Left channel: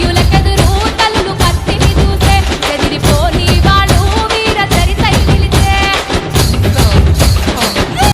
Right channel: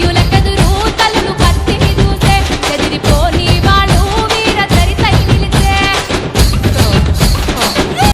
ಯುಲಕದು